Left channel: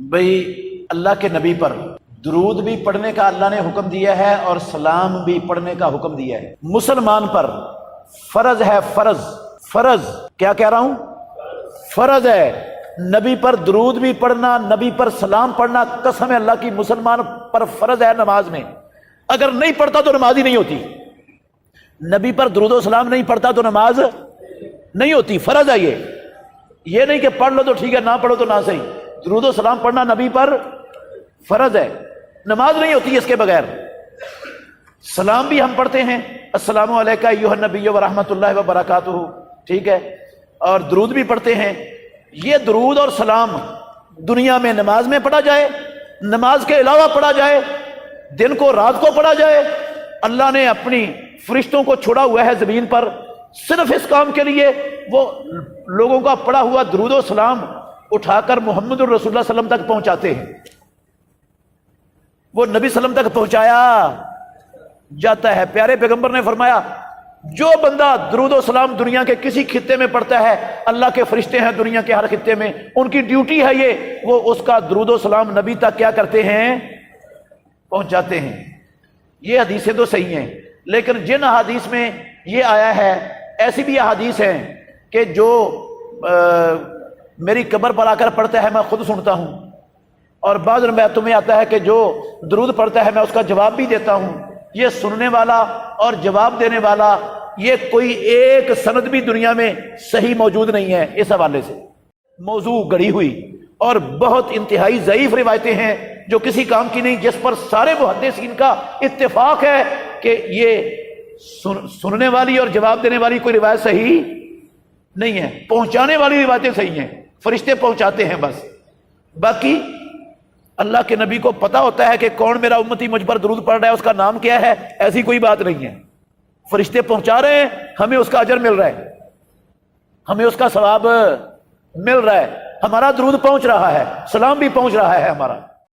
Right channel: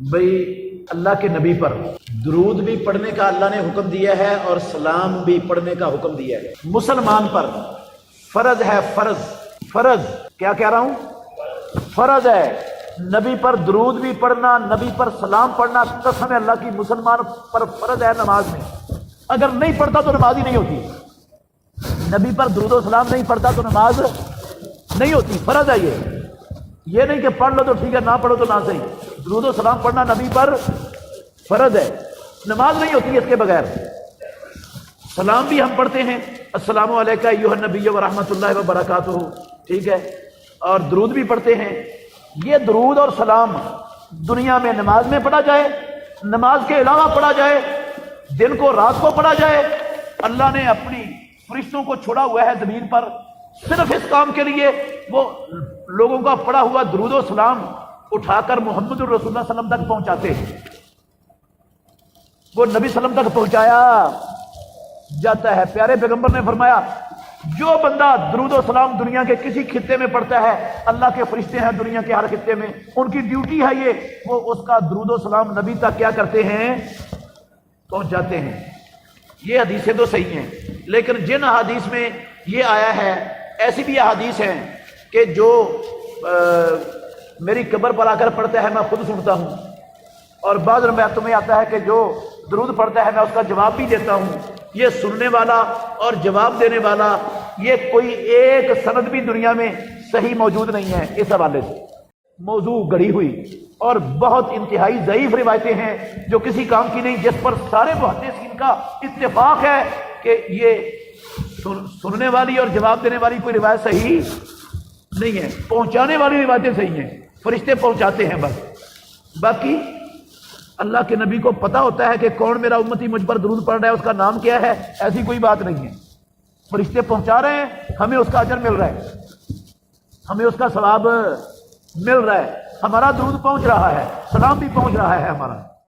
بھئی اللہ کے نبی پر درود بھی پڑھنے کا اللہ نے حکم دیا ہے اور سلام بھی پڑھنے کا حکم دیا ہے۔ مسلمان پر فرض ہے، فرض کیا کہہ رہا ہوں؟ فرض ہے نبی پر درود بھی پڑھنا، نبی پر سلام پڑھنا۔ قسم ہے اللہ کی، مسلمان پر فرض ہے نماز میں، اگر نہیں پڑھتا تو نماز ہی نہیں ہوتی۔ نبی پر درود و سلام نہیں پڑھتا تو نماز نہیں ہوتی، فرض ہے یہ نہیں کہ پڑھ لو تو ٹھیک ہے، نہ پڑھو تو نہ صحیح۔ درود و سلام پڑھنا نبی پر فرض ہے، نماز نہیں ہوتی اس کے بغیر۔ سلام بھی ہم پڑھتے ہیں، السلام علیکہ ایھا النبی ورحمۃ اللہ وبرکاتہ، ٹھیک ہے، اور درود بھی پڑھتے ہیں۔ یہ درود اور سلام دنیا میں نماز میں پڑھا جائے، نماز کے علاوہ پڑھا جائے، دن کو رات کو پڑھا جائے، اللہ نے اپنی فرشتوں کو چھوڑا ہوا ہے زمین پر صرف اس کام کے لیے۔ وہ لوگوں کا پڑھا ہوا درود و سلام اٹھا کر محمد الرسول اللہ صلی اللہ علیہ وسلم تک پہنچاتے ہیں۔ وہ نبی صلی اللہ علیہ وسلم تک پہنچایا جاتا ہے۔ پیارے پیغمبر نے فرمایا جو بندہ درود و سلام دنیا کے کسی خطے میں پڑھتا ہے، اللہ کے فرشتے ہیں دنیا کے ہر خطے میں، ان کی ڈیوٹی ہے یہ، وہ اس کا درود و سلام نبی تک کیا کرتے ہیں؟ پہنچاتے ہیں۔ یہ حدیثیں تو صحیح ہیں، لیکن جن حدیث میں یہ آیا ہے، ایسی بھی حدیث ہیں کہ جو میری قبر پر آ کر پڑھتا ہے میں خود سنتا ہوں، اور بعض روایتوں میں آتا ہے کہ جو درود پڑھتا ہے میں اس کا جواب بھی دیتا ہوں۔ یہ سننے والا اور جواب دینے والا، یہ کوئی ایک سند بھی دنیا میں صحیح موجود نہیں ہے۔ اس حوالے سے موضوع گڑھی ہوئی اور بہت انتہائی ضعیف روایتیں ہیں جو کسی کام کی نہیں، جس پر سارے محدثین کا اتفاق ہے کہ یہ سننے والی اور جواب دینے والی کوئی روایت صحیح نہیں ہے، پہنچانے والی روایتیں صحیح ہیں، فرشتے پہنچاتے ہیں بس۔ باقی اللہ کے نبی کو پتا ہوتا ہے کہ کون میرا امتی مجھ پر درود پڑھ رہا ہے، اس کا نام کیا ہے، ایسی کوئی بات نہیں ہے۔ فرشتے پہنچا رہے ہیں، ہمیں اس کا اجر مل رہا ہے، ہمیں اس کا ثواب مل رہا ہے، ہمارا درود پہنچ رہا ہے، سلام بھی پہنچ رہا ہے ہمارا۔